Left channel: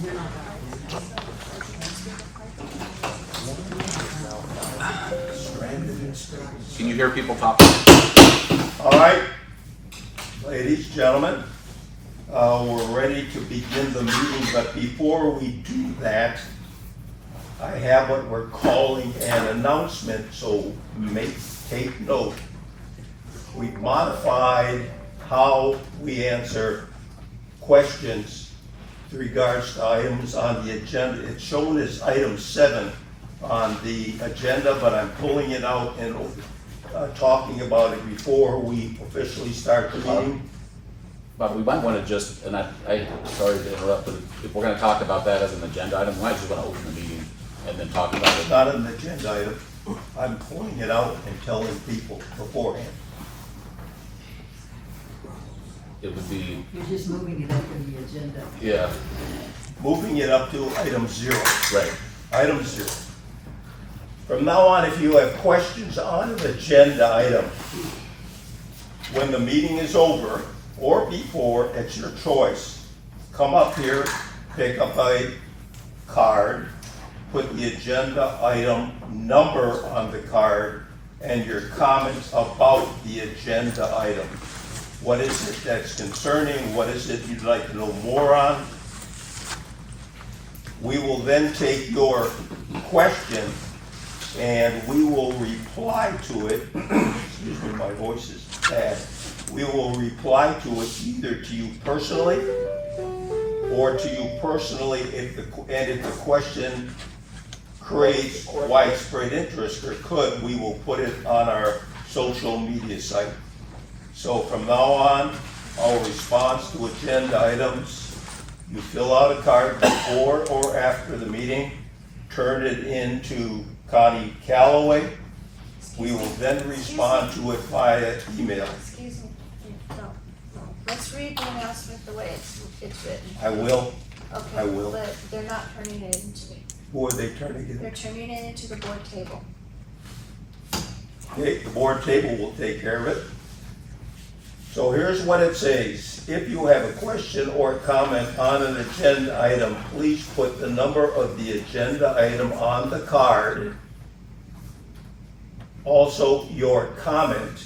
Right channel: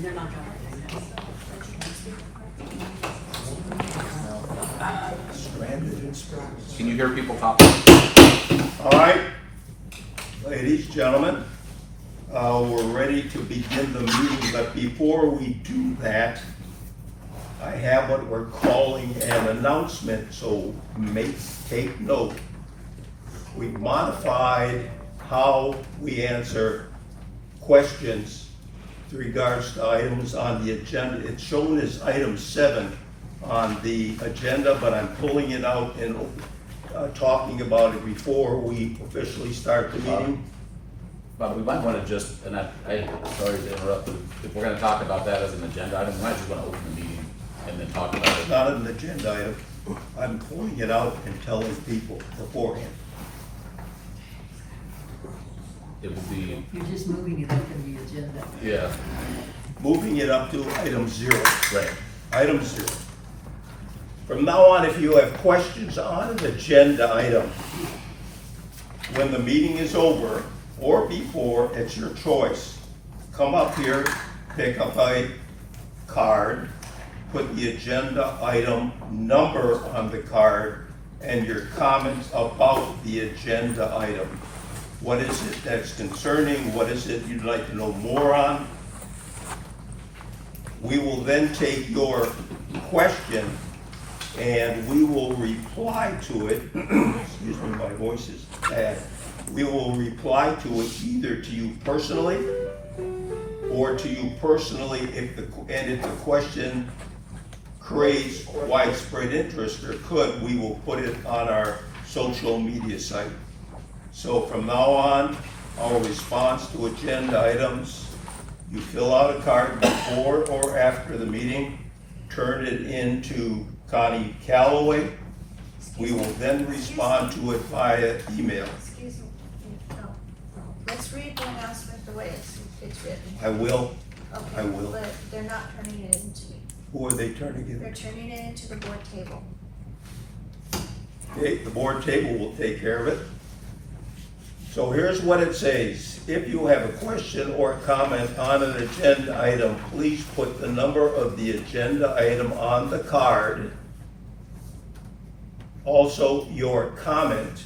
And they're not. Can you hear people talking? All right, ladies, gentlemen, we're ready to begin the meeting, but before we do that, I have what we're calling an announcement, so take note. We've modified how we answer questions with regards to items on the agenda. It's shown as item 7 on the agenda, but I'm pulling it out and talking about it before we officially start the meeting. But we might want to just, and sorry to interrupt, but if we're going to talk about that as an agenda item, we might just want to open the meeting and then talk about It's it. not an agenda item. I'm pulling it out and telling people beforehand. It would be, You're just moving it up in the agenda. yeah, Moving it up to item 0. right. Item 0. From now on, if you have questions on an agenda item, when the meeting is over or before, it's your choice. Come up here, pick up a card, put the agenda item number on the card, and your comments about the agenda item. What is it that's concerning? What is it you'd like to know more on? We will then take your question and we will reply to it. Excuse me, my voice is bad. We will reply to it either to you personally or to you personally if the question creates widespread interest or could, we will put it on our social media site. So from now on, our response to agenda items, you fill out a card before or after the meeting, turn it into Connie Calloway. We will then respond to it via email. Excuse me, no. Let's read the announcement the way it's written. I will. Okay, I will. But they're not turning it into, Who are they turning it they're in? turning it into the board table. Okay, the board table will take care of it. So here's what it says. If you have a question or comment on an agenda item, please put the number of the agenda item on the card. Also, your comment,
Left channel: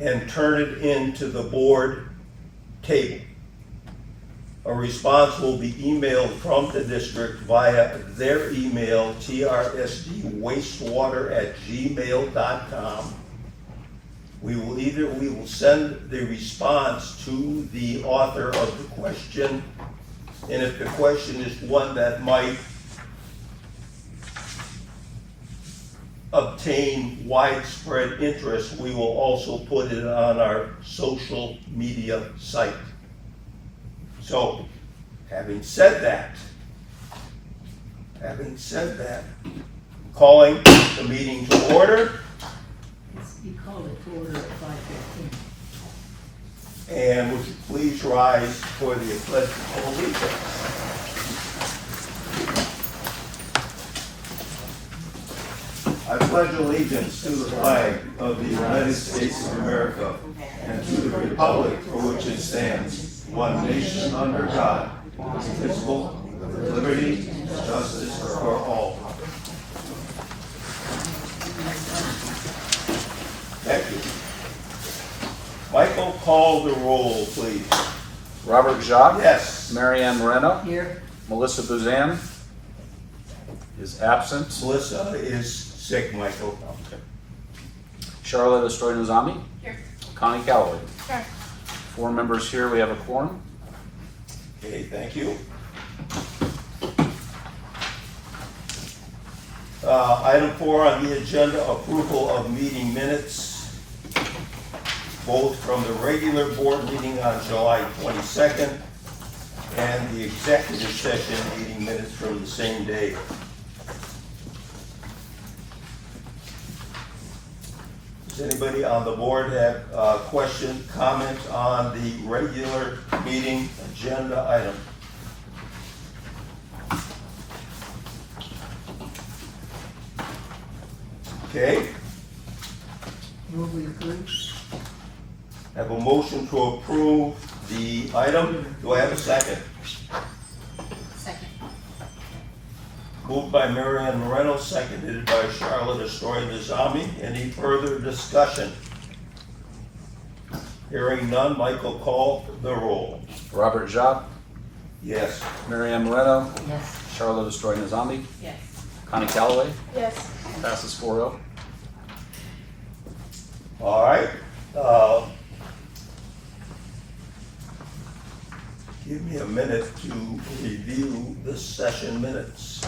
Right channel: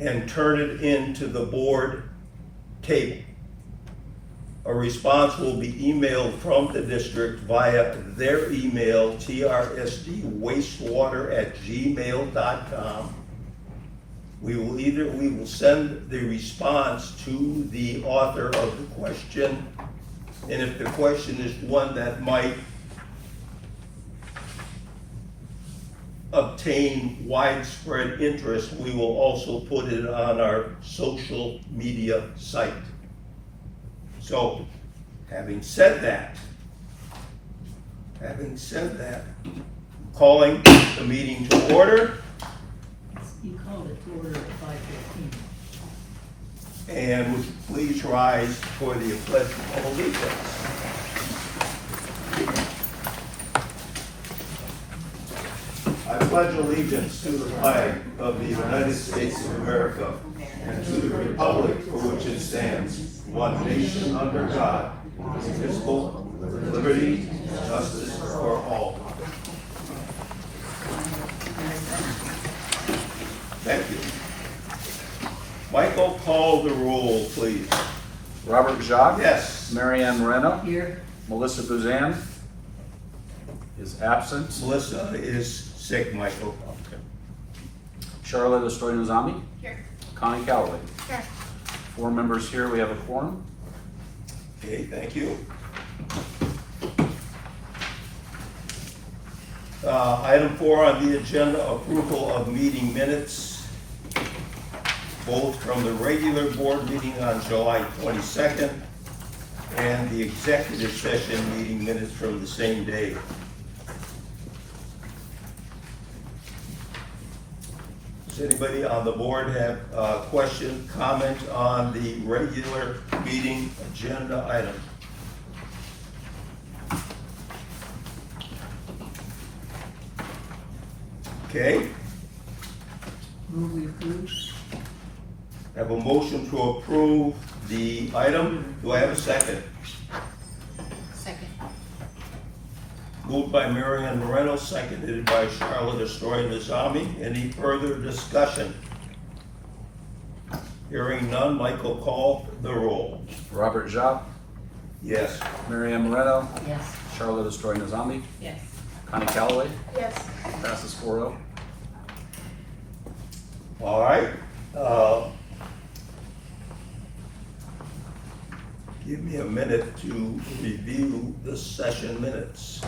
and turn it into the board table. A response will be emailed from the district via their email, trsdwastewater@gmail.com. We will send the response to the author of the question, and if the question is one that might obtain widespread interest, we will also put it on our social media site. So, having said that, calling the meeting to order. You called it to order at 5:15. And would you please rise for the pledge of allegiance? I pledge allegiance to the flag of the United States of America and to the republic for which it stands, one nation under God, indivisible, with liberty and justice for all. Thank you. Michael, call the roll, please. Robert Jacques? Yes. Marianne Moreno? Here, Melissa Buzan is absent. Melissa is sick, Michael. Okay. Charlotte Estroinozami? Here. Connie Calloway? Here. 4 members here, we have a quorum. Okay, thank you. Item 4 on the agenda, approval of meeting minutes, both from the regular board meeting on July 22nd and the executive session meeting minutes from the same day. Does anybody on the board have a question, comment on the regular meeting agenda item? Okay, move we approve. have a motion to approve the item. Do I have a second? Moved by Mary Ann Moreno, seconded by Charlotte Destroy Nizami. Any further discussion? Hearing none, Michael, call the roll. Robert Jacques, Yes. Mary Ann Moreno, Yes. Charlotte Destroy Nizami, Yes. Connie Calloway, Yes. passes 4-0. All right. Give me a minute to review the session minutes.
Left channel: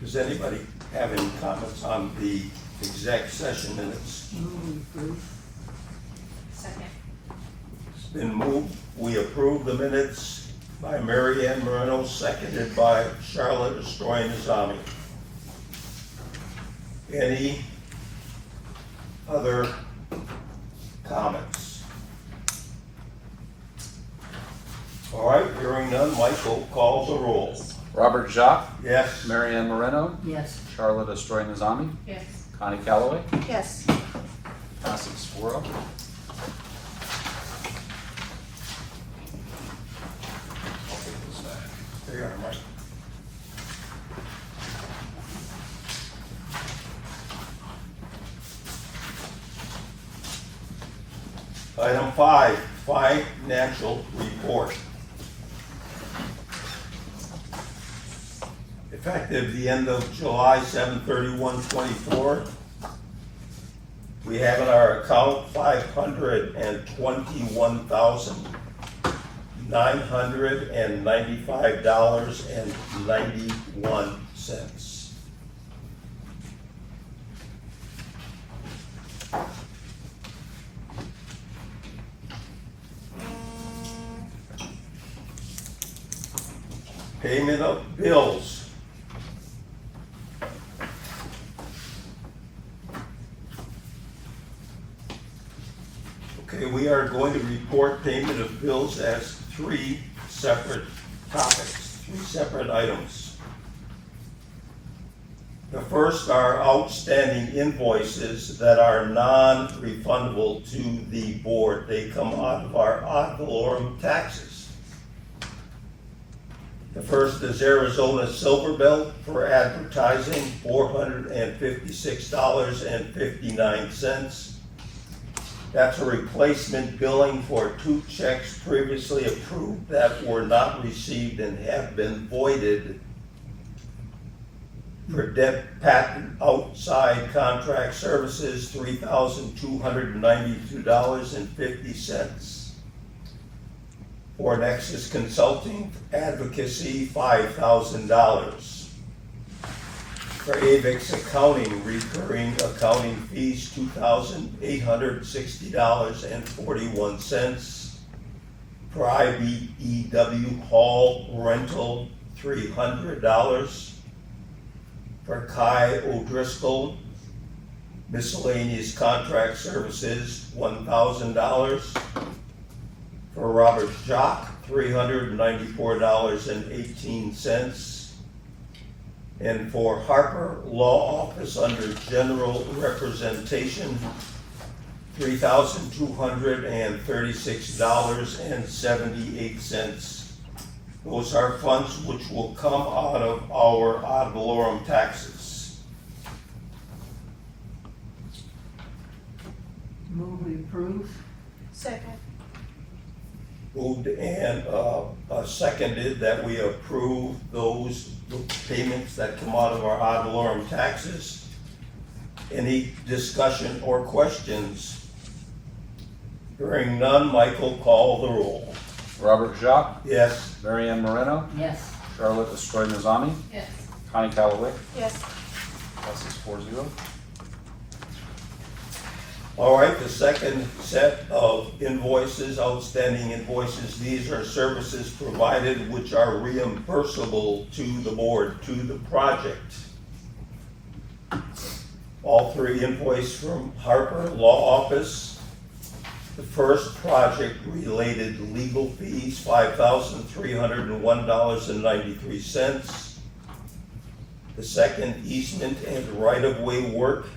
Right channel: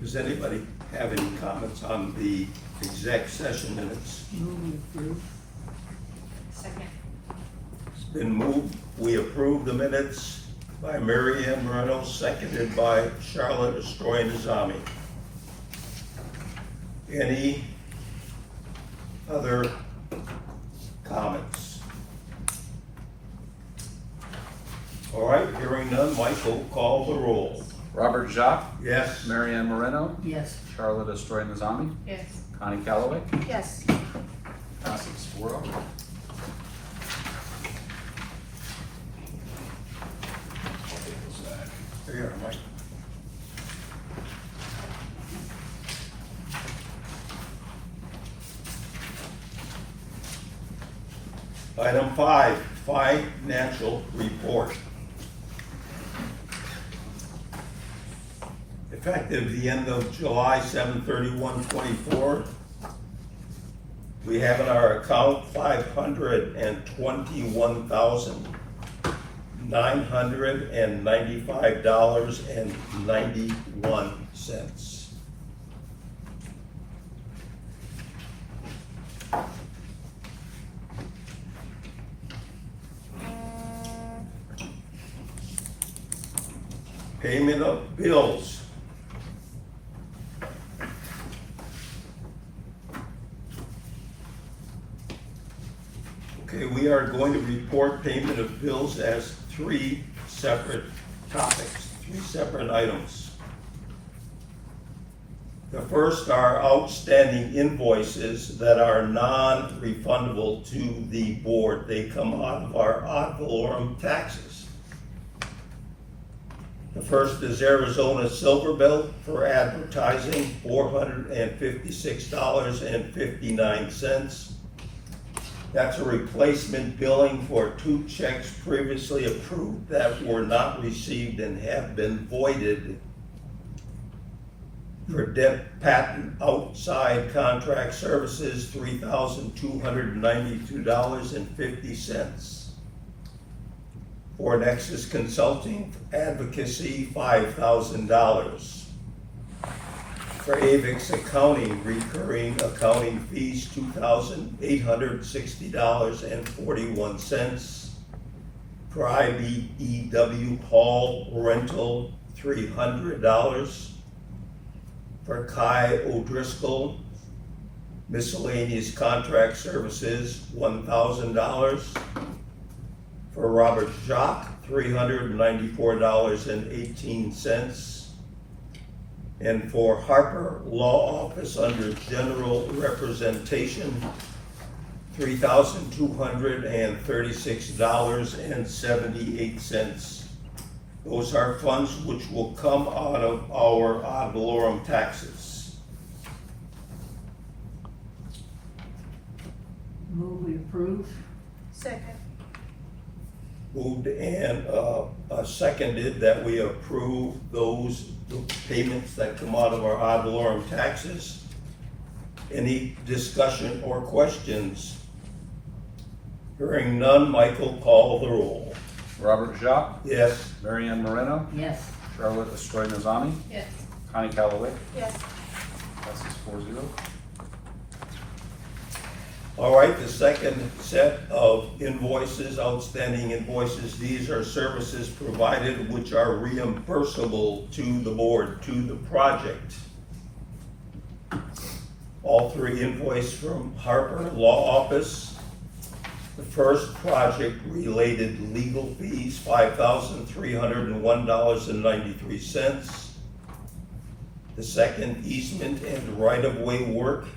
Does anybody have any comments on the exec session minutes? Move we approve. Second. It's been moved, we approve the minutes by Mary Ann Moreno, seconded by Charlotte Destroy Nizami. Any other comments? All right, hearing none, Michael, call the roll. Robert Jacques, Yes. Mary Ann Moreno, Yes. Charlotte Destroy Nizami, Yes. Connie Calloway, Yes. passes 4-0. There you are, Mike. Item 5, financial report. Effective the end of July 7/31/24, we have in our account $521,995.91. Payment of bills. Okay, we are going to report payment of bills as 3 separate topics, 3 separate items. The first are outstanding invoices that are non-refundable to the board. They come out of our ad valorem taxes. The first is Arizona Silver Bell for advertising, $456.59. That's a replacement billing for 2 checks previously approved that were not received and have been voided. For debt patent outside contract services, $3,292.50. For Nexus Consulting Advocacy, $5,000. For Avix Accounting, recurring accounting fees, $2,860.41. For IBEW hall rental, $300. For Kai O'Driscoll, miscellaneous contract services, $1,000. For Robert Jacques, $394.18. And for Harper Law Office under general representation, $3,236.78. Those are funds which will come out of our ad valorem taxes. Move we approve. Second. Moved and seconded that we approve those payments that come out of our ad valorem taxes. Any discussion or questions? Hearing none, Michael, call the roll. Robert Jacques, Yes. Mary Ann Moreno, Yes. Charlotte Destroy Nizami, Yes. Connie Calloway, Yes. passes 4-0. All right, the second set of invoices, outstanding invoices, these are services provided which are reimbursable to the board, to the project. All 3 invoices from Harper Law Office, The first project-related legal fees, $5,301.93. The second easement and right-of-way work,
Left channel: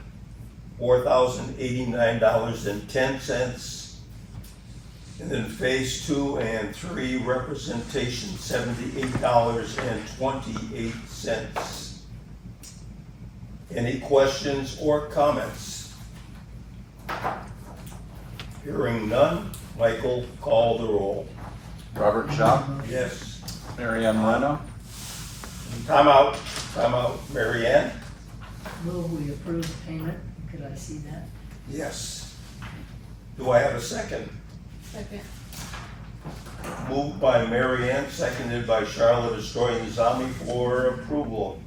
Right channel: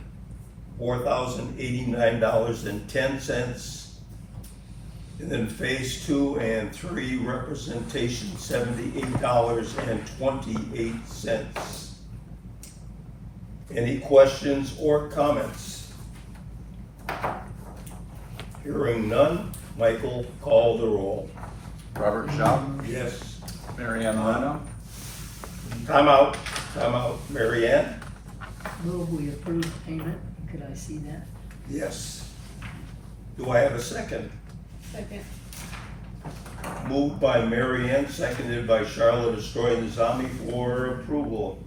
$4,089.10. And then phase 2 and 3 representation, $78.28. Any questions or comments? Hearing none, Michael, call the roll. Robert Jacques, Yes. Mary Ann Moreno, Time out, Mary Ann? Move we approve payment. Could I see that? Yes. Do I have a second? Second. Moved by Mary Ann, seconded by Charlotte Estroy-Nazami for approval.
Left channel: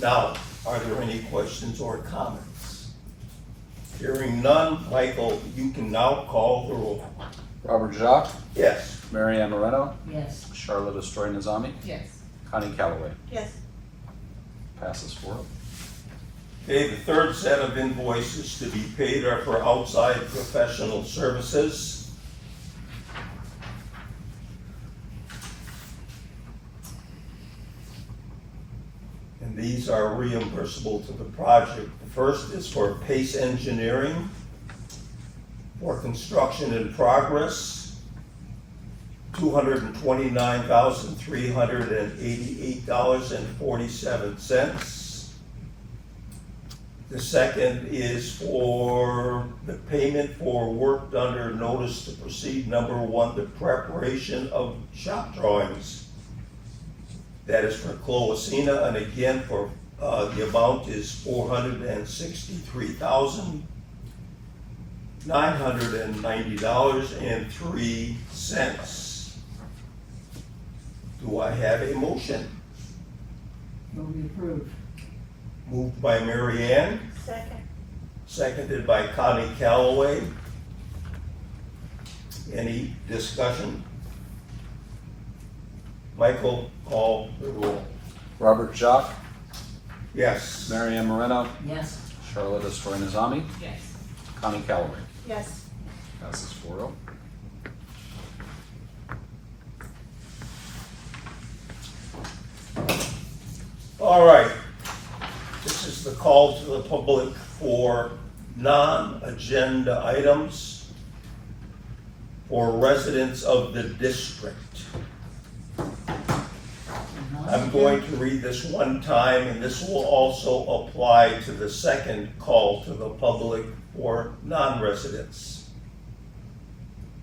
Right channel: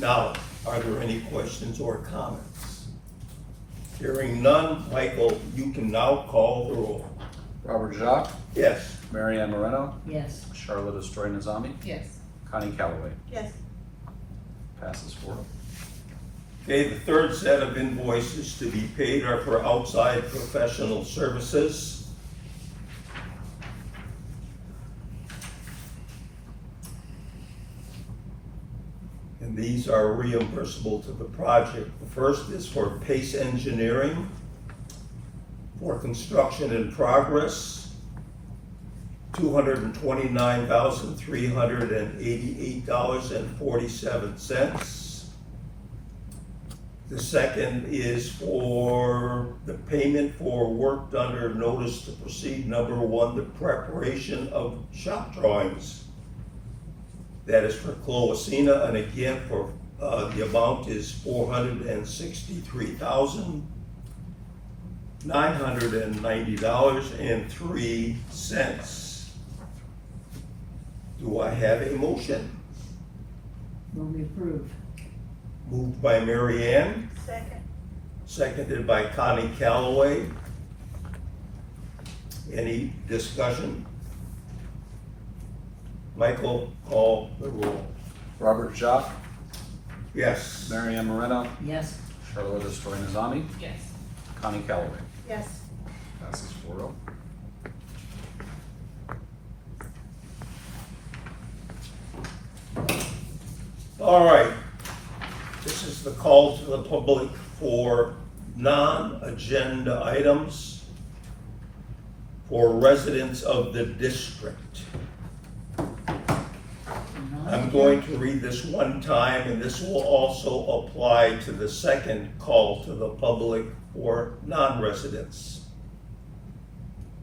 Now, are there any questions or comments? Hearing none, Michael, you can now call the roll. Robert Jacques, Yes. Mary Ann Moreno, Yes. Charlotte Estroy-Nazami, Yes. Connie Calloway. Yes. Passes 4-0. Okay, the third set of invoices to be paid are for outside professional services. And these are reimbursable to the project. The first is for Pace Engineering for construction in progress, $229,388.47. The second is for the payment for work under notice to proceed number 1, the preparation of shop drawings. That is for Cloacina, and again, for, the amount is $463,990.03. Do I have a motion? Move we approve. Moved by Mary Ann, Second. seconded by Connie Calloway. Any discussion? Michael, call the roll. Robert Jacques, Yes. Mary Ann Moreno, Yes. Charlotte Estroy-Nazami, Yes. Connie Calloway. Yes. Passes 4-0. All right. This is the call to the public for non-agenda items for residents of the district. I'm going to read this one time, and this will also apply to the second call to the public for non-residents.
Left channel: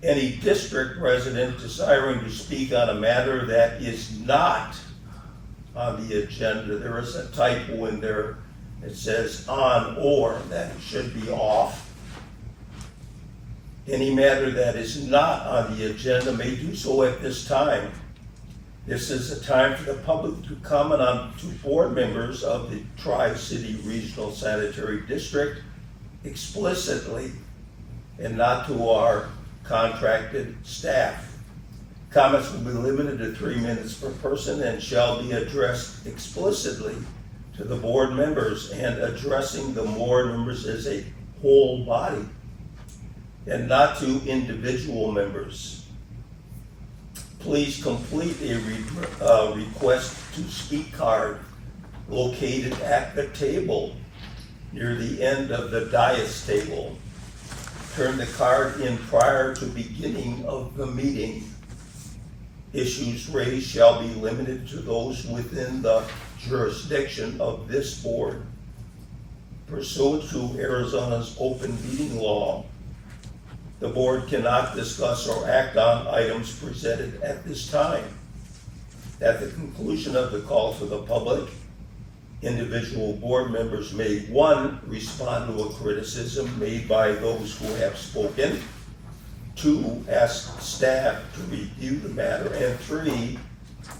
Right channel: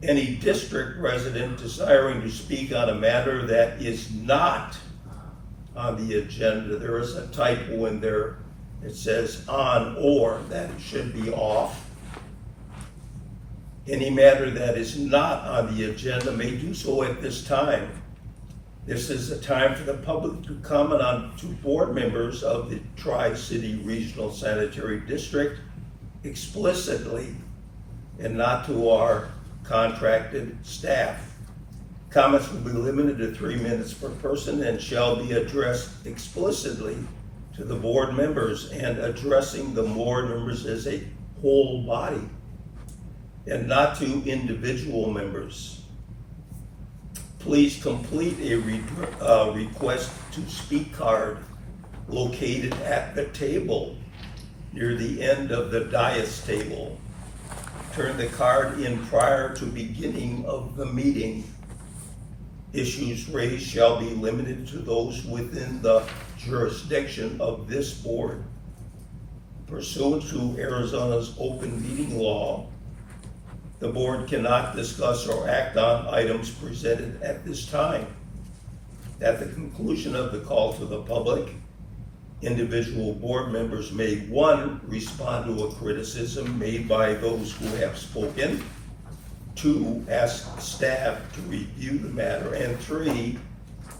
Any district resident desiring to speak on a matter that is not on the agenda, there is a typo in there. It says on or, that it should be off. Any matter that is not on the agenda may do so at this time. This is a time for the public to comment on to board members of the Tri-City Regional Sanitary District explicitly, and not to our contracted staff. Comments will be limited to 3 minutes per person and shall be addressed explicitly to the board members, and addressing the board members as a whole body and not to individual members. Please complete a request to speak card located at the table near the end of the dais table. Turn the card in prior to beginning of the meeting. Issues raised shall be limited to those within the jurisdiction of this board. Pursuant to Arizona's open meeting law, the board cannot discuss or act on items presented at this time. At the conclusion of the call to the public, individual board members may, 1, respond to a criticism made by those who have spoken, 2, ask staff to review the matter, and 3,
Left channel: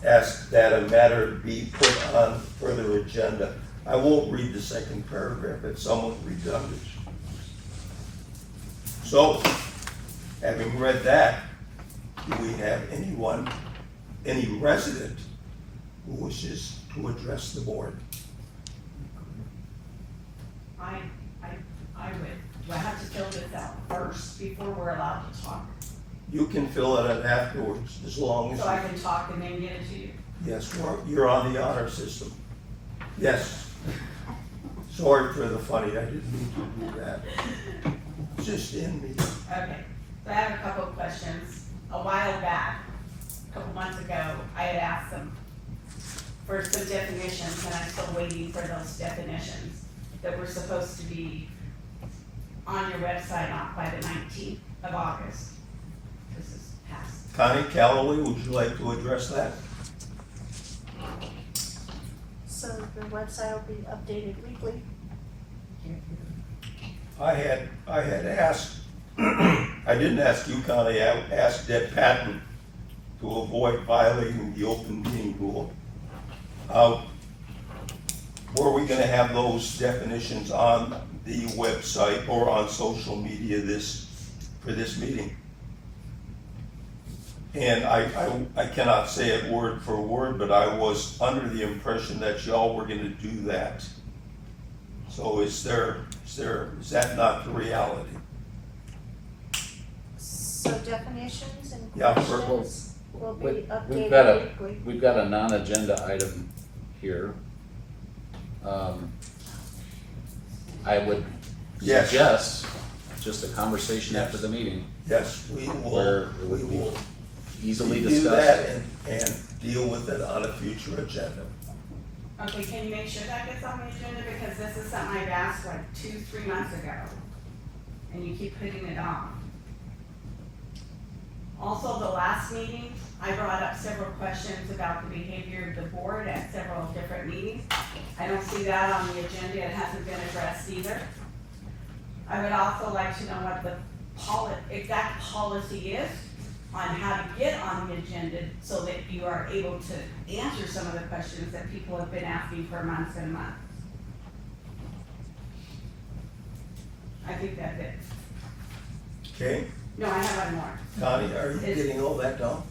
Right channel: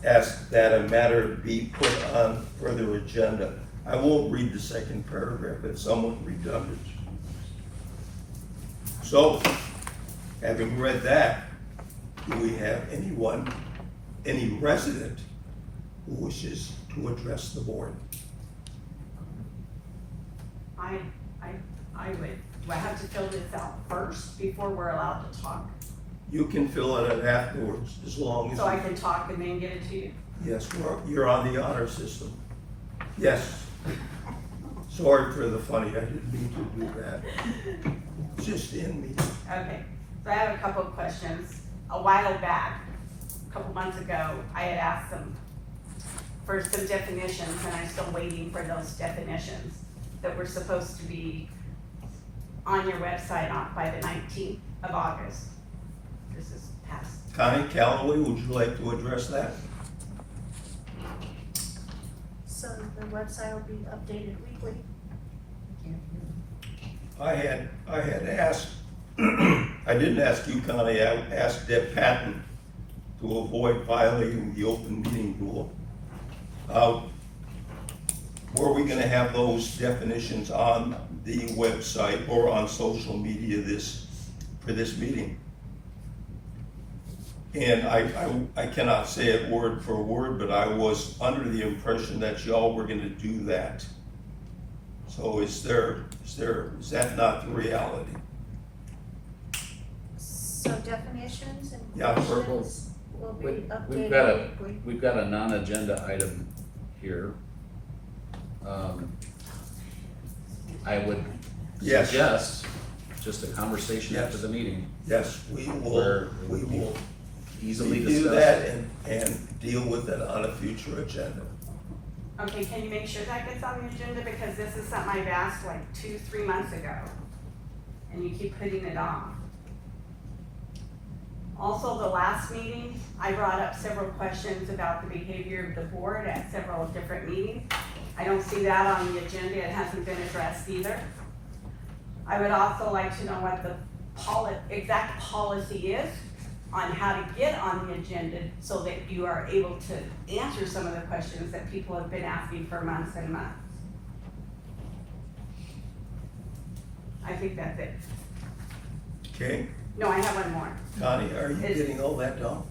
ask that a matter be put on further agenda. I won't read the second paragraph, it's somewhat redundant. So, having read that, do we have anyone, any resident who wishes to address the board? I do I have to fill this out first before we're allowed to talk? You can fill it out afterwards, as long as. So I can talk and then get it to you? Yes, you're on the honor system. Yes. Sorry for the funny, I didn't mean to do that. It's just in me. Okay, so I have a couple of questions. A while back, a couple months ago, I had asked them for some definitions, and I'm still waiting for those definitions that were supposed to be on your website by the 19th of August. This is past. Connie Calloway, would you like to address that? So the website will be updated weekly. I had asked, I didn't ask you, Connie, I asked Deb Patton to avoid violating the open meeting rule. Were we gonna have those definitions on the website or on social media for this meeting? And I cannot say it word for word, but I was under the impression that y'all were gonna do that. So is that not the reality? So definitions and Yeah, questions will be We've updated got a, weekly. we've got a non-agenda item here. I would Yes. suggest just a conversation Yes. after the meeting, Yes, we where will, it would be easily do discussed. that and deal with it on a future agenda. Okay, can you make sure that gets on the agenda, because this is something I've asked like 2-3 months ago, and you keep putting it on. Also, the last meeting, I brought up several questions about the behavior of the board at several different meetings. I don't see that on the agenda, it hasn't been addressed either. I would also like to know what the exact policy is on how to get on the agenda so that you are able to answer some of the questions that people have been asking for months and months. I think that's it. Okay, No, I have one more. Connie, are you Is- getting all that down?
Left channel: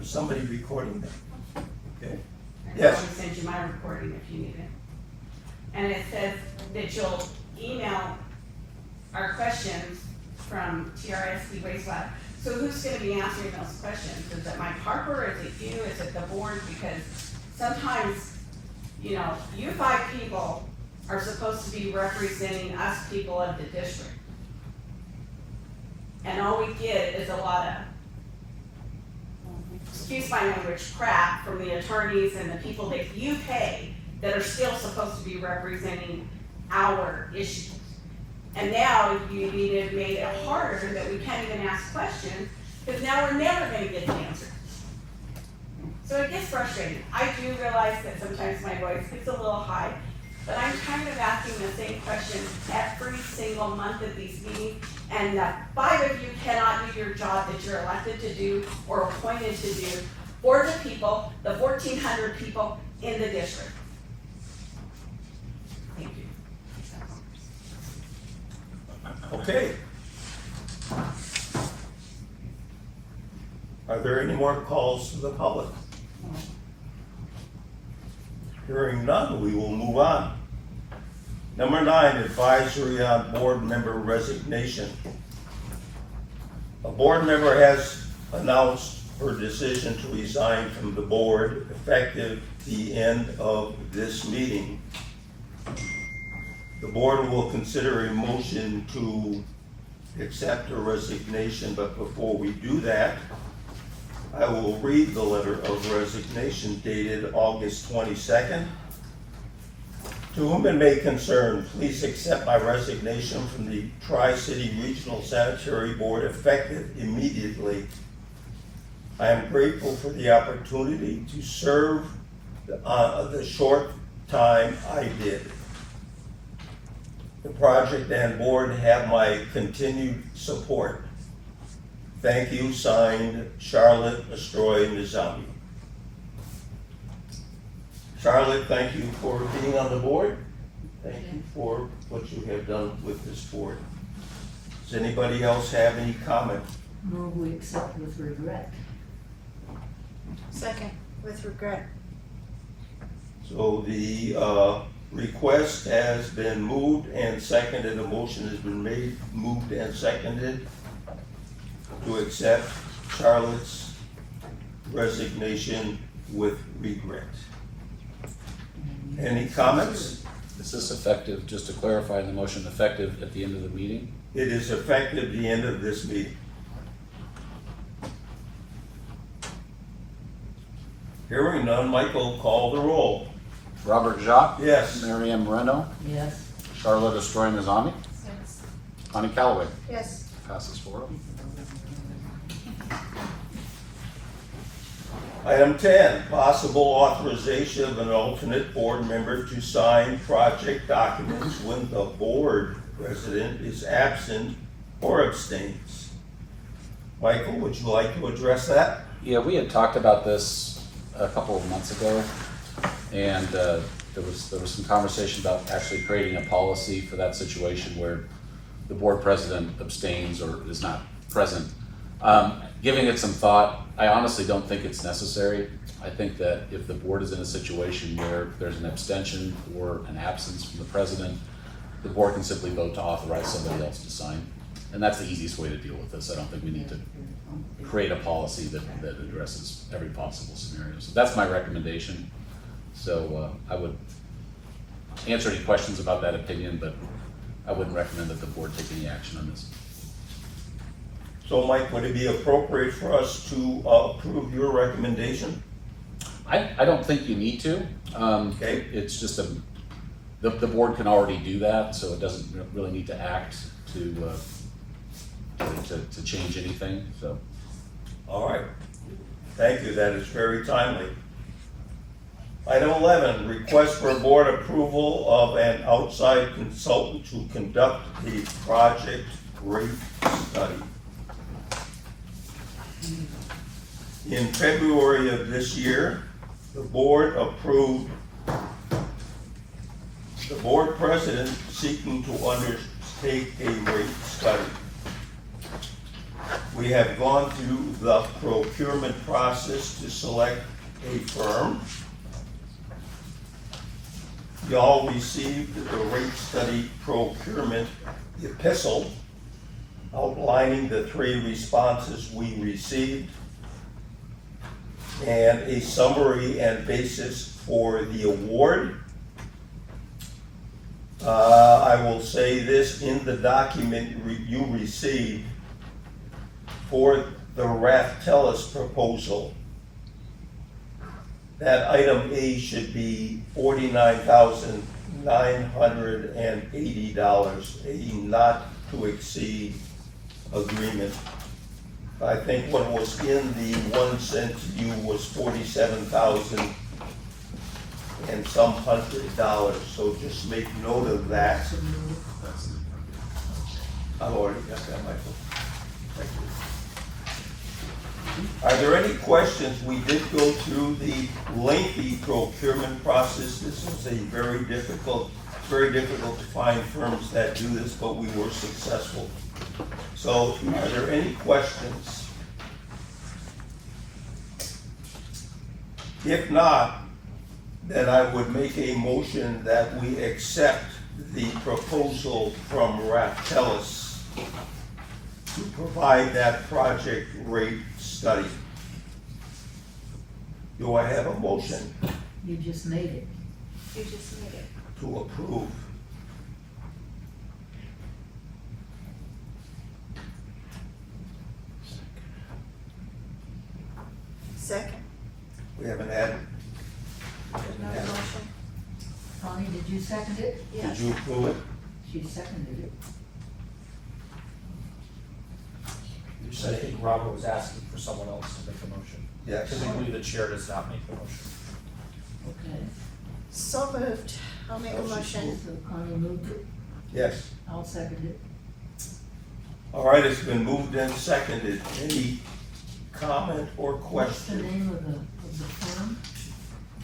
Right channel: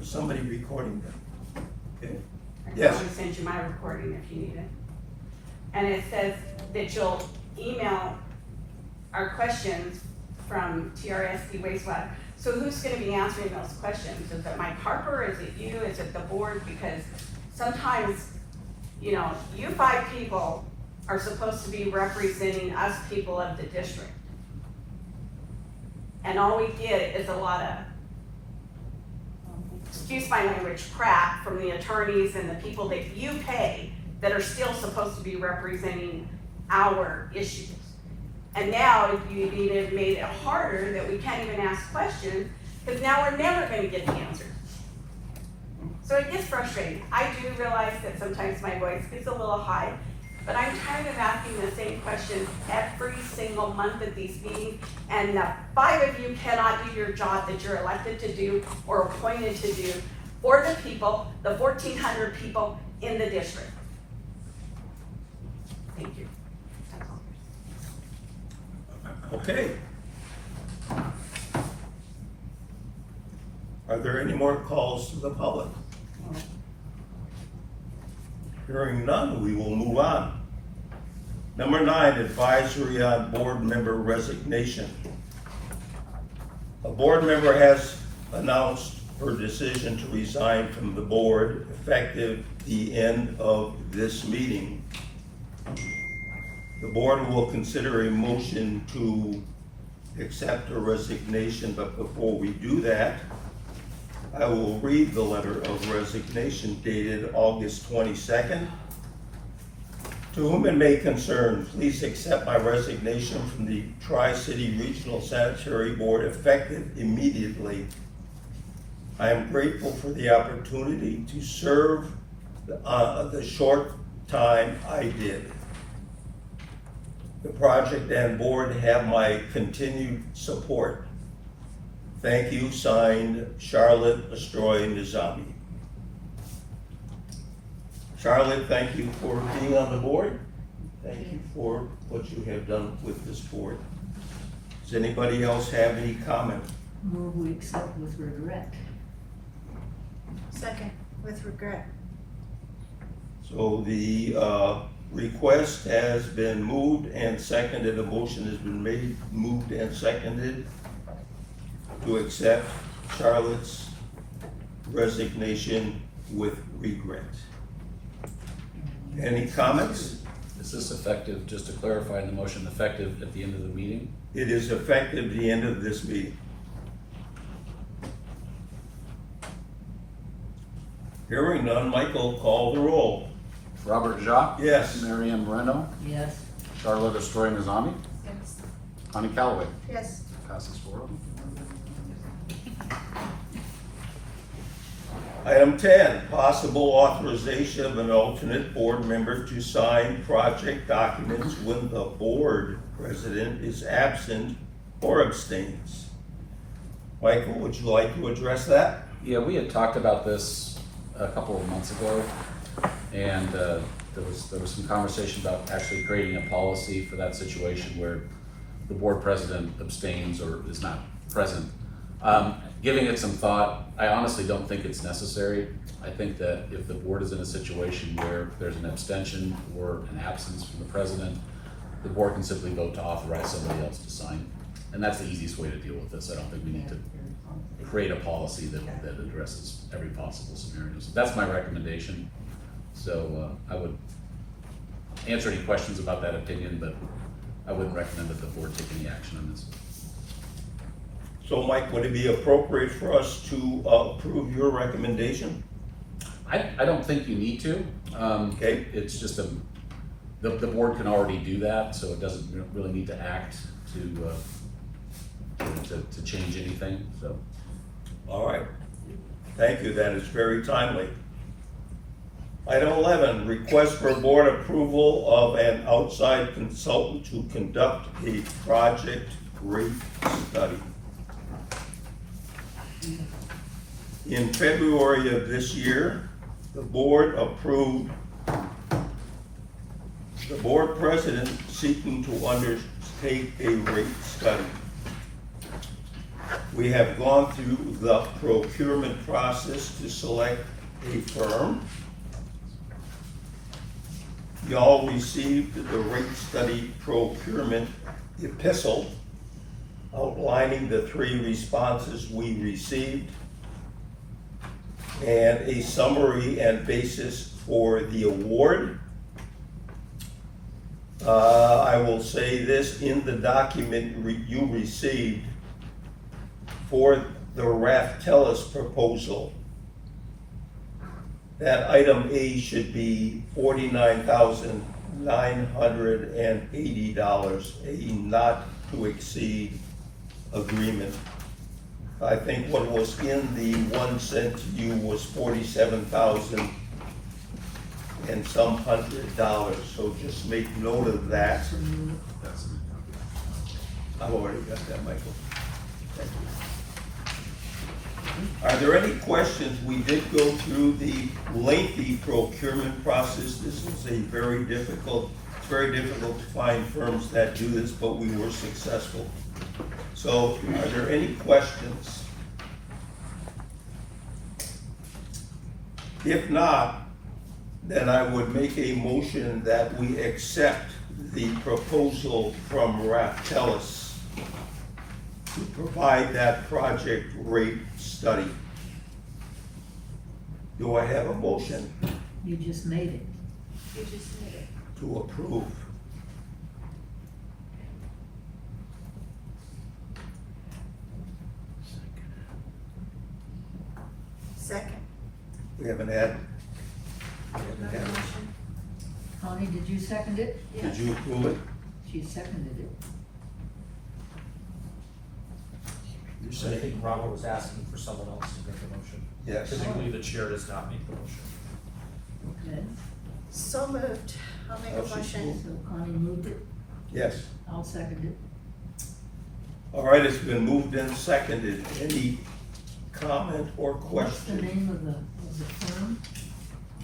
Is somebody recording that? Okay, I can Yes. always send you my recording if you need it. And it says that you'll email our questions from TRSD wastewater. So who's gonna be answering those questions? Is it Mike Harper, is it you, is it the board? Because sometimes, you five people are supposed to be representing us people of the district. And all we get is a lot of, excuse my language, crap from the attorneys and the people that you pay that are still supposed to be representing our issues. And now you've even made it harder that we can't even ask questions, because now we're never gonna get the answers. So it gets frustrating. I do realize that sometimes my voice gets a little high, but I'm tired of asking the same questions every single month at these meetings, and the five of you cannot do your job that you're elected to do or appointed to do for the people, the 1,400 people in the district. Thank you. That's all. okay. Are there any more calls to the public? Hearing none, we will move on. Number 9, advisory on board member resignation. A board member has announced her decision to resign from the board effective the end of this meeting. The board will consider a motion to accept her resignation, but before we do that, I will read the letter of resignation dated August 22nd. To whom it may concern, please accept my resignation from the Tri-City Regional Sanitary Board effective immediately. I am grateful for the opportunity to serve the short time I did. The project and board have my continued support. Thank you, signed, Charlotte Astroy Nizami. Charlotte, thank you for being on the board. Thank you for what you have done with this board. Does anybody else have any comment? Move we accept with regret. Second, with regret. So the request has been moved and seconded, a motion has been made, moved and seconded to accept Charlotte's resignation with regret. Any comments? Is this effective, just to clarify in the motion, effective at the end of the meeting? It is effective the end of this meeting. Hearing none, Michael, call the roll. Robert Jacques? Yes. Mary Ann Moreno? Yes. Charlotte Estroy-Nazami? Yes. Connie Callaway? Yes. Passes 4. Item 10, possible authorization of an alternate board member to sign project documents when the board president is absent or abstains. Michael, would you like to address that? Yeah, we had talked about this a couple of months ago, and there was some conversation about actually creating a policy for that situation where the board president abstains or is not present. Giving it some thought, I honestly don't think it's necessary. I think that if the board is in a situation where there's an abstention or an absence from the president, the board can simply vote to authorize somebody else to sign. And that's the easiest way to deal with this. I don't think we need to create a policy that addresses every possible scenario. So that's my recommendation. So I would answer any questions about that opinion, but I wouldn't recommend that the board take any action on this. So Mike, would it be appropriate for us to approve your recommendation? I don't think you need to. Okay. It's just the board can already do that, so it doesn't really need to act to change anything, so. All right. Thank you, that is very timely. Item 11, request for board approval of an outside consultant to conduct a project rate study. In February of this year, the board approved the board president seeking to undertake a rate study. We have gone through the procurement process to select a firm. Y'all received the rate study procurement epistle outlining the 3 responses we received and a summary and basis for the award. I will say this, in the document you received for the Raftellus proposal, that item A should be $49,980, a not to exceed agreement. I think what was in the 1 cent to you was 47,000 and some $100, so just make note of that. I've already got that, Michael. Thank you. Are there any questions? We did go through the lengthy procurement process. This was a very difficult to find firms that do this, but we were successful. So are there any questions? If not, then I would make a motion that we accept the proposal from Raftellus to provide that project rate study. Do I have a motion You just made it. You just need it. to approve? Second. We haven't had, Another motion? Connie, did you second it? did Yes. you approve it? She seconded it. I think Robert was asking for someone else to make the motion, Yes. typically the chair does not make the motion. Okay. So moved. I'll make a Motion motion. So Connie moved it. Yes. I'll second it. All right, it's been moved and seconded. Any comment or What's the question? name of the firm?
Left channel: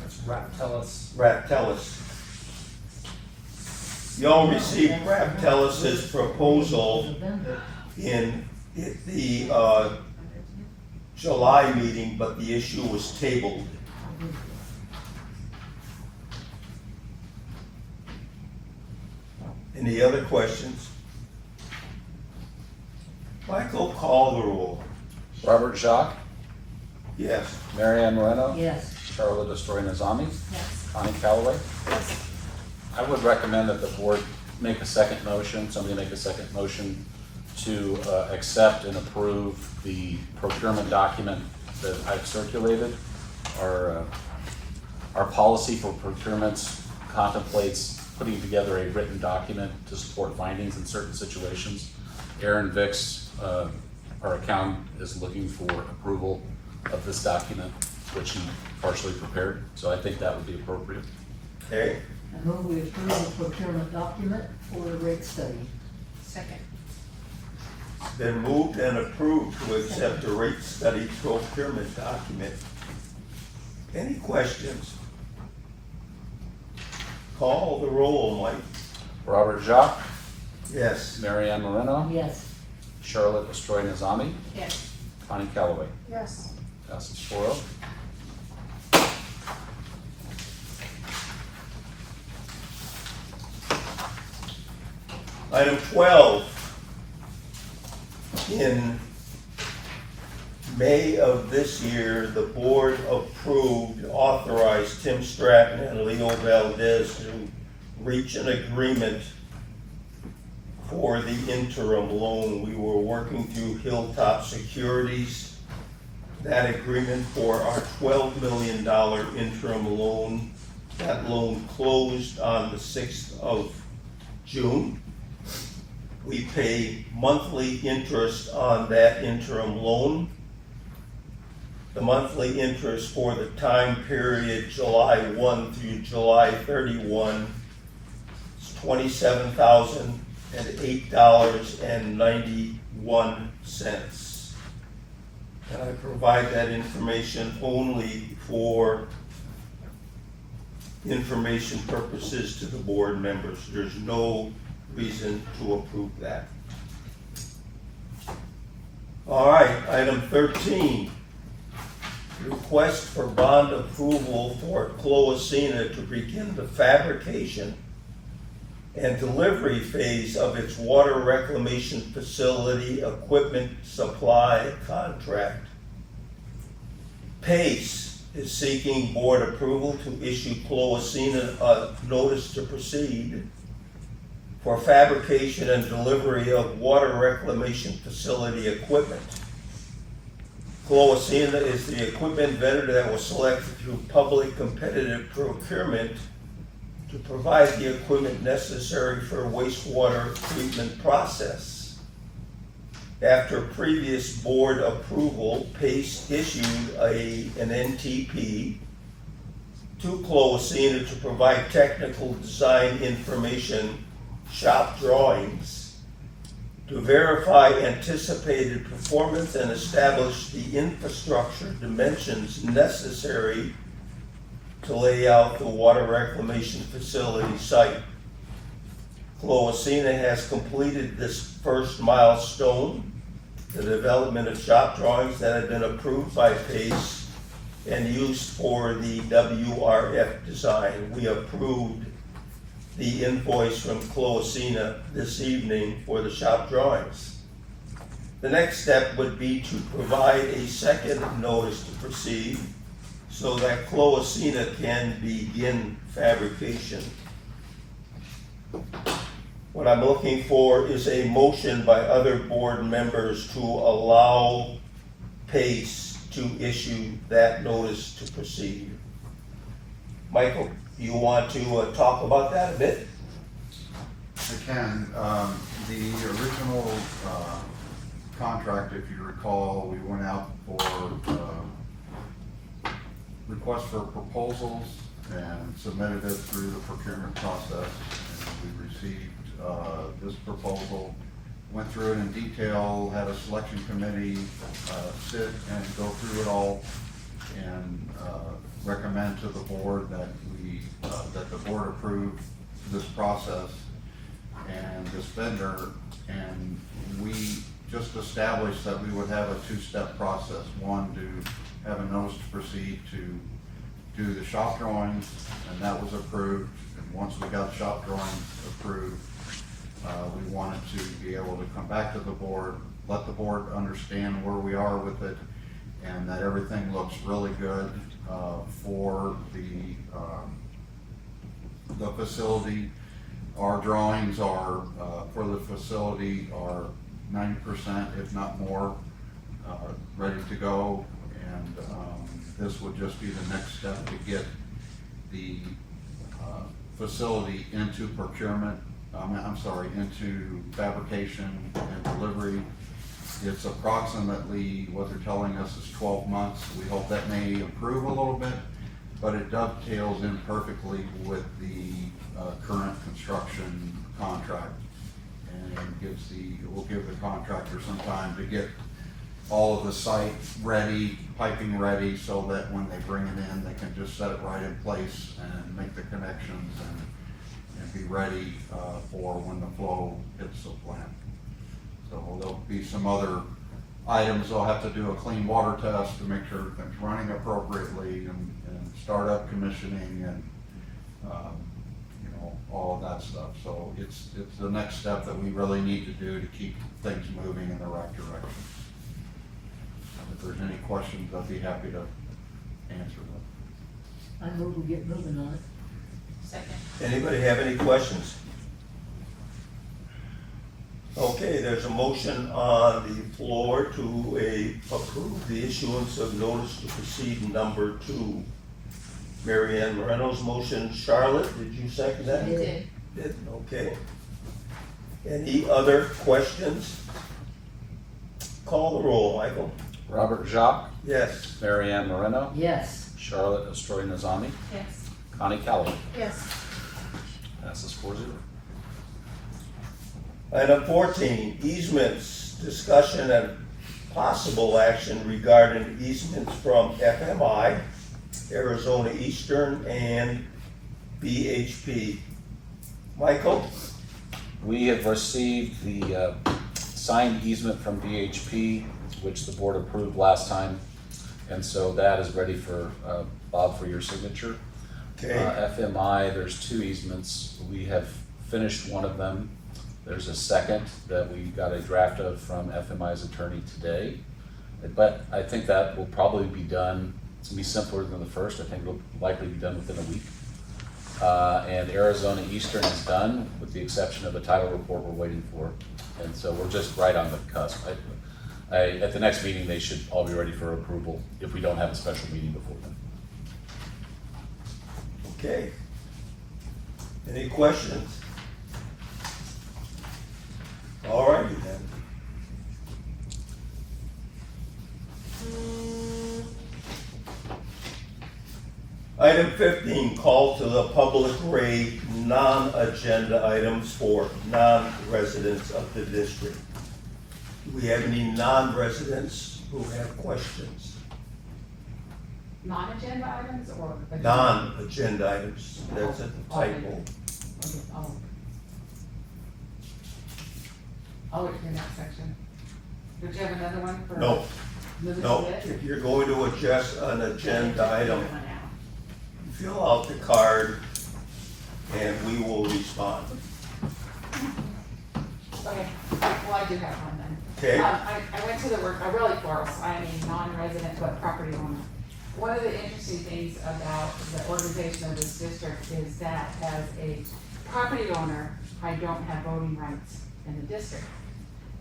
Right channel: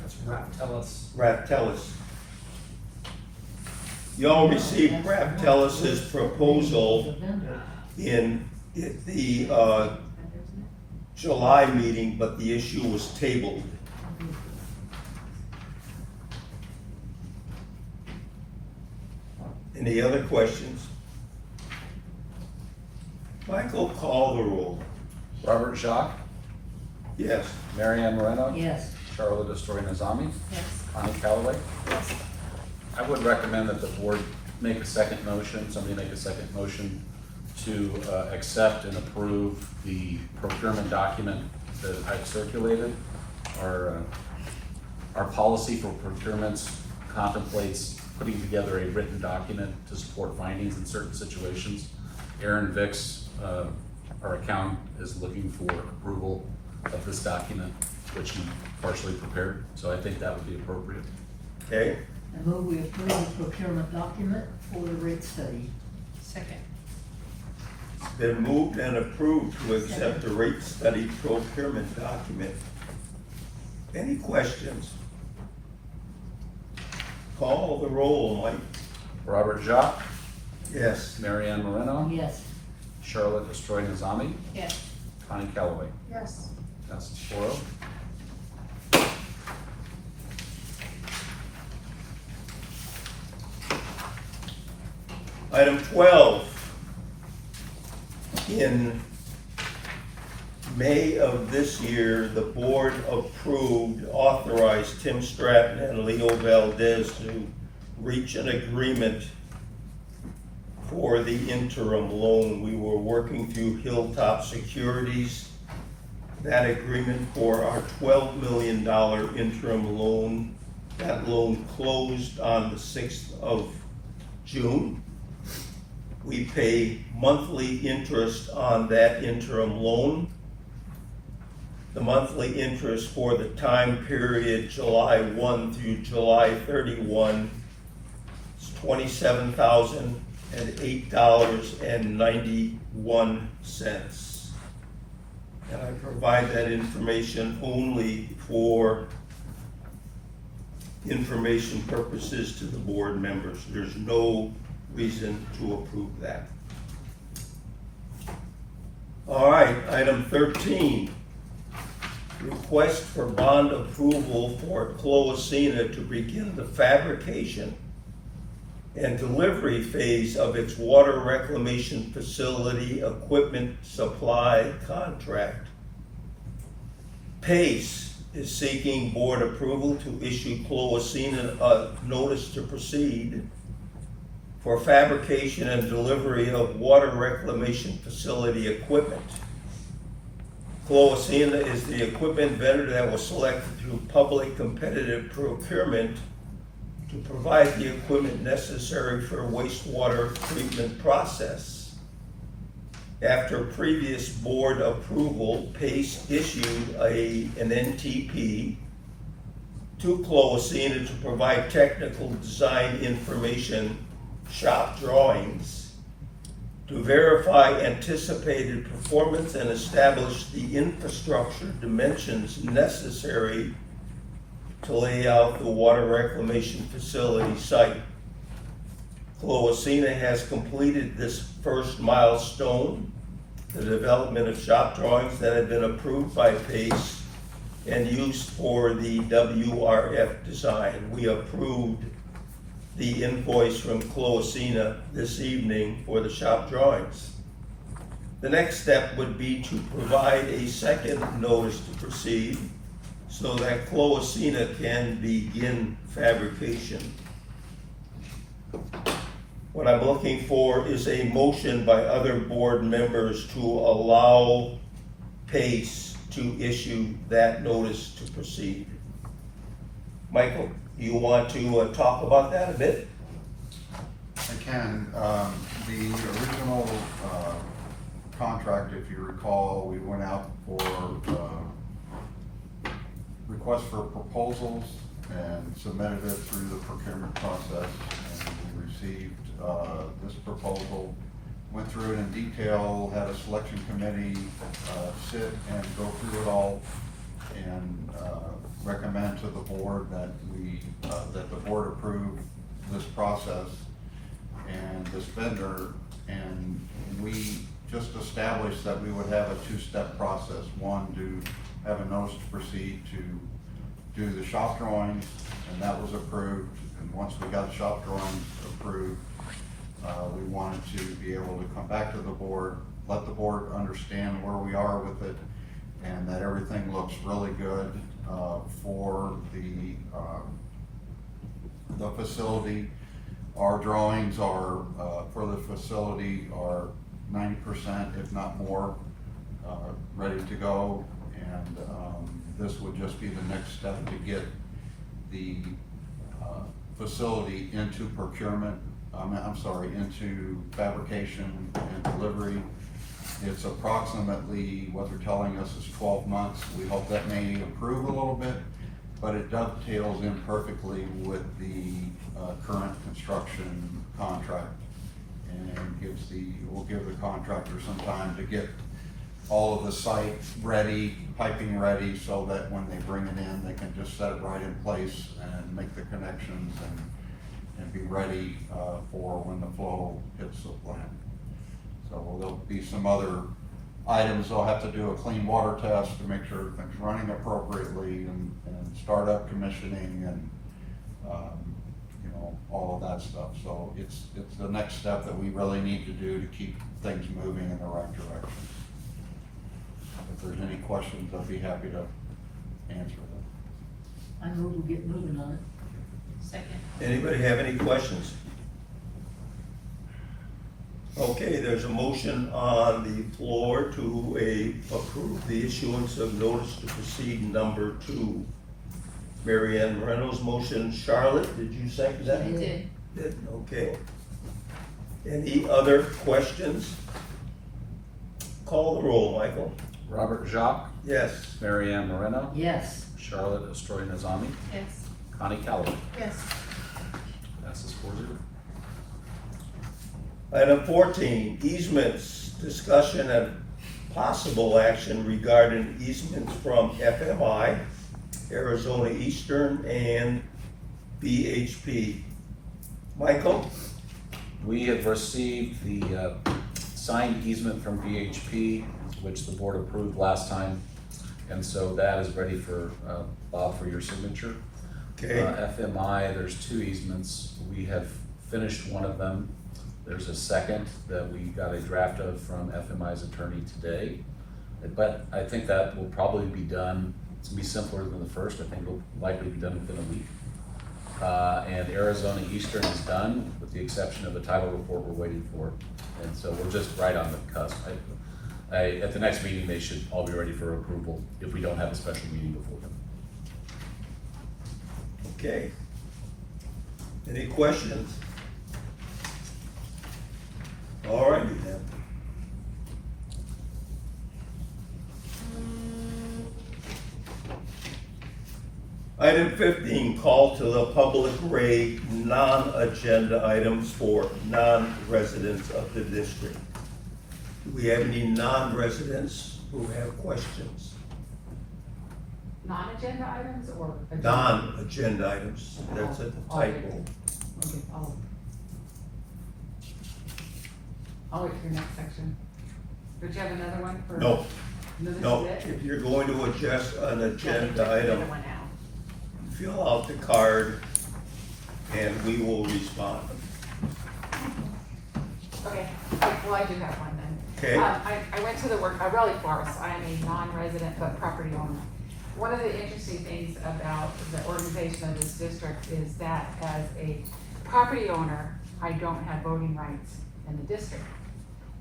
That's Raftellus. Raftellus. Y'all received Raftellus's proposal The vendor. in the July meeting, but the issue was tabled. Any other questions? Michael, call the roll. Robert Jacques, Yes. Mary Ann Moreno, Yes. Charlotte Destroy Nazami, Yes. Connie Calloway. Yes. I would recommend that the board make a second motion, somebody make a second motion to accept and approve the procurement document that I've circulated. Our policy for procurements contemplates putting together a written document to support findings in certain situations. Aaron Vicks, our accountant, is looking for approval of this document, which he partially prepared, so I think that would be appropriate. Okay, I move we approve the procurement document for the rate study. Second. it's been moved and approved to accept the rate study procurement document. Any questions? Call the roll, Mike. Robert Jacques, Yes. Mary Ann Moreno, Yes. Charlotte Destroy Nazami, Yes. Connie Calloway. Yes. Passes 4-0. Item 12. In May of this year, the board authorized Tim Stratton and Leo Valdez to reach an agreement for the interim loan. We were working through Hilltop Securities. That agreement for our $12 million interim loan, that loan closed on the 6th of June. We pay monthly interest on that interim loan. The monthly interest for the time period July 1 through July 31 is $27,008.91. And I provide that information only for information purposes to the board members. There's no reason to approve that. All right, item 13. Request for bond approval for Cloacina to begin the fabrication and delivery phase of its water reclamation facility equipment supply contract. PACE is seeking board approval to issue Cloacina a notice to proceed for fabrication and delivery of water reclamation facility equipment. Cloacina is the equipment vendor that was selected through public competitive procurement to provide the equipment necessary for wastewater treatment process. After previous board approval, PACE issued an NTP to Cloacina to provide technical design information, shop drawings, to verify anticipated performance and establish the infrastructure dimensions necessary to lay out the water reclamation facility site. Cloacina has completed this first milestone, the development of shop drawings that have been approved by PACE and used for the WRF design. We approved the invoice from Cloacina this evening for the shop drawings. The next step would be to provide a second notice to proceed so that Cloacina can begin fabrication. What I'm looking for is a motion by other board members to allow PACE to issue that notice to proceed. Michael, you want to talk about that a bit? I can. The original contract, if you recall, we went out for requests for proposals and submitted it through the procurement process, and we received this proposal, went through it in detail, had a selection committee sit and go through it all, and recommend to the board that that the board approve this process and this vendor. And we just established that we would have a two-step process. One, to have a notice to proceed to do the shop drawings, and that was approved. And once we got the shop drawings approved, be able to come back to the board, let the board understand where we are with it, and that everything looks really good, for the facility. Our drawings are, for the facility are 90%, if not more, ready to go. And this would just be the next step to get the facility into procurement, into fabrication and delivery. It's approximately, what they're telling us is 12 months. We hope that may improve a little bit, but it dovetails in perfectly with the current construction contract, and will give the contractor some time to get all of the site ready, piping ready, so that when they bring it in, they can just set it right in place and make the connections and be ready for when the flow hits the plant. So there'll be some other items. They'll have to do a clean water test to make sure everything's running appropriately, and start up commissioning and all of that stuff. So it's the next step that we really need to do to keep things moving in the right direction. If there's any questions, I'd be happy to answer them. I move we get moving on it. Second. Anybody have any questions? Okay, there's a motion on the floor to approve the issuance of notice to proceed number 2. Mary Ann Moreno's motion. Charlotte, did you second that? I Did, okay. Any other questions? Call the roll, Michael. Robert Jacques, Yes. Mary Ann Moreno, Yes. Charlotte Astori-Nazami, Yes. Connie Calloway. Yes. Passes 4-0. Item 14, easements, discussion and possible action regarding easements from FMI, Arizona Eastern, and BHP. Michael? We have received the signed easement from BHP, which the board approved last time, and so that is ready for Bob for your signature. Okay. FMI, there's 2 easements. We have finished one of them. There's a second that we got a draft of from FMI's attorney today. But I think that will probably be done, it's gonna be simpler than the first. I think it'll likely be done within a week. And Arizona Eastern is done, with the exception of the title report we're waiting for. And so we're just right on the cusp. At the next meeting, they should all be ready for approval if we don't have a special meeting before then. Okay. Any questions? All righty then. Item 15, call to the public rate non-agenda items for non-residents of the district. Do we have any non-residents who have questions? Non-agenda items or? agenda? Non-agenda items, that's at the typo. Okay, I'll wait for your next section. Did you have another one for? No, This is no, it? if you're going to adjust an agenda item, One out. fill out the card and we will respond. Okay, well, I do have one then. Okay. I went to the work, really force, I am a non-resident but property owner. One of the interesting things about the organization of this district is that as a property owner, I don't have voting rights in the district.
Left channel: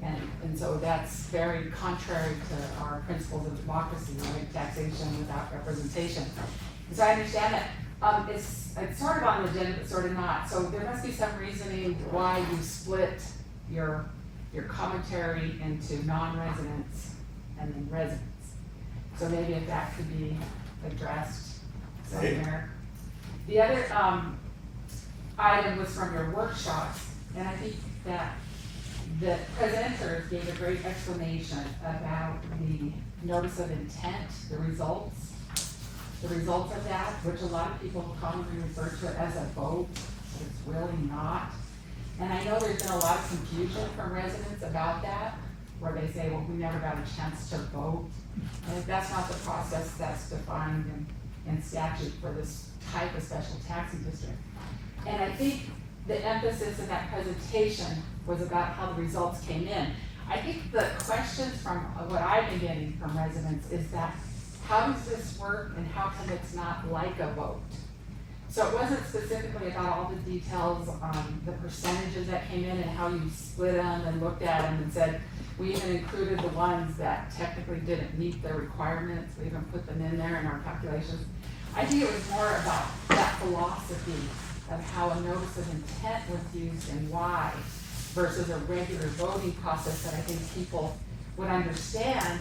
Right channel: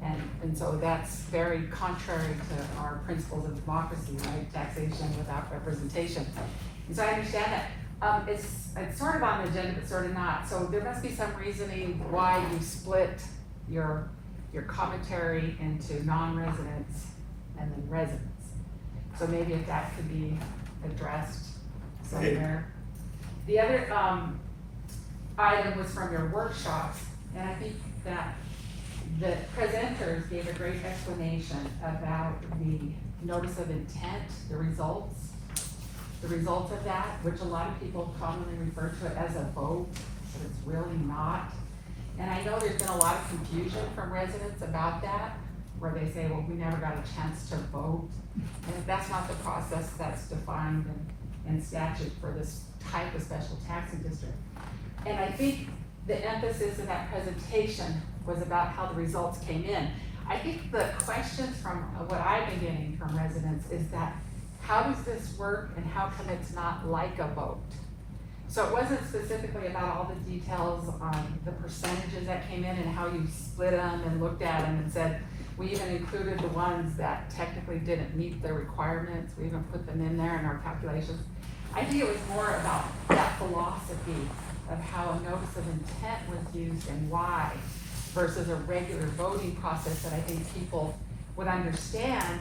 And so that's very contrary to our principles of democracy, right? Taxation without representation. And so I understand that. It's sort of on the agenda, but sort of not. So there must be some reasoning why you split your commentary into non-residents and then residents. So maybe if that could be addressed somewhere. The other item was from your workshops, and I think that the presenters gave a great explanation about the notice of intent, the results of that, which a lot of people commonly refer to it as a vote, but it's really not. And I know there's been a lot of confusion from residents about that, where they say, well, we never got a chance to vote. And that's not the process that's defined in statute for this type of special taxing district. And I think the emphasis in that presentation was about how the results came in. I think the questions from what I've been getting from residents is that, how does this work and how come it's not like a vote? So it wasn't specifically about all the details on the percentages that came in and how you split them and looked at them and said, we even included the ones that technically didn't meet the requirements, we even put them in there in our calculations. I think it was more about that philosophy of how a notice of intent was used and why, versus a regular voting process that I think people would understand,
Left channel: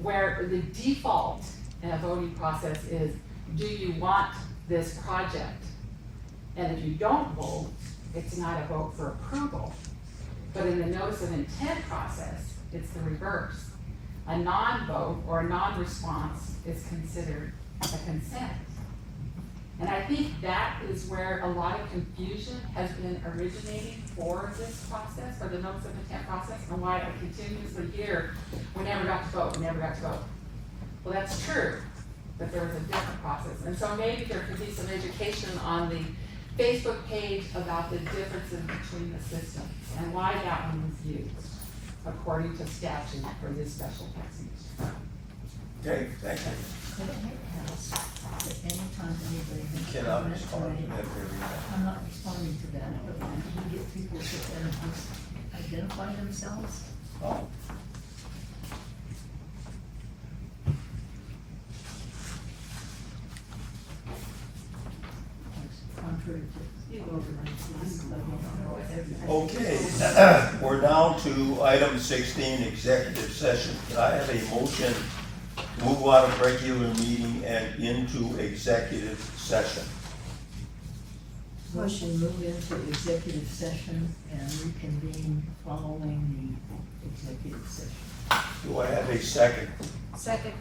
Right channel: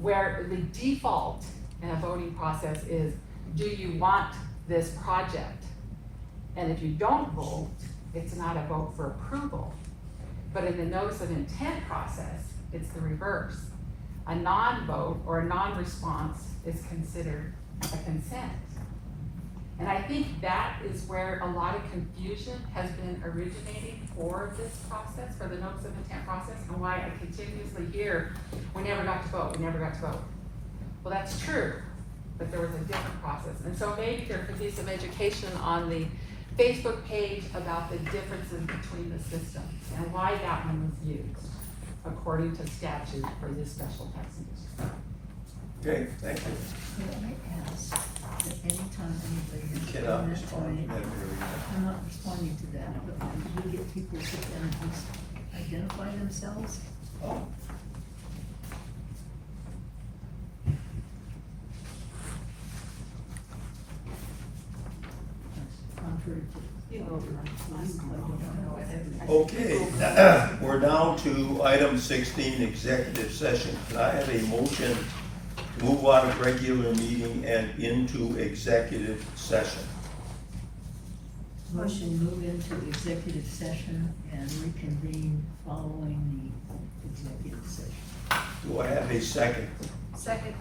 where the default in a voting process is, do you want this project? And if you don't vote, it's not a vote for approval. But in the notice of intent process, it's the reverse. A non-vote or a non-response is considered a consent. And I think that is where a lot of confusion has been originating for this process, for the notice of intent process, and why I continuously hear, we never got to vote, we never got to vote. Well, that's true, but there was a different process. And so maybe there could be some education on the Facebook page about the differences between the systems and why that one was used according to statute for this special taxing district. Okay, thank you. Could I ask that anytime anybody You has a cannot comment respond to tonight, that very I'm not responding to that, but can you get people to sit there and just identify themselves? Oh, Contrary to okay, we're down to item 16, executive session. Can I have a motion to move out of regular meeting and into executive session? Motion move into executive session and reconvene following the executive session. Do I have a second? Second.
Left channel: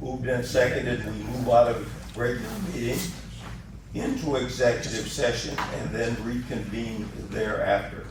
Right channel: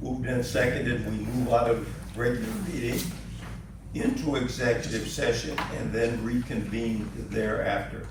Moved and seconded, we move out of regular meeting into executive session and then reconvene thereafter.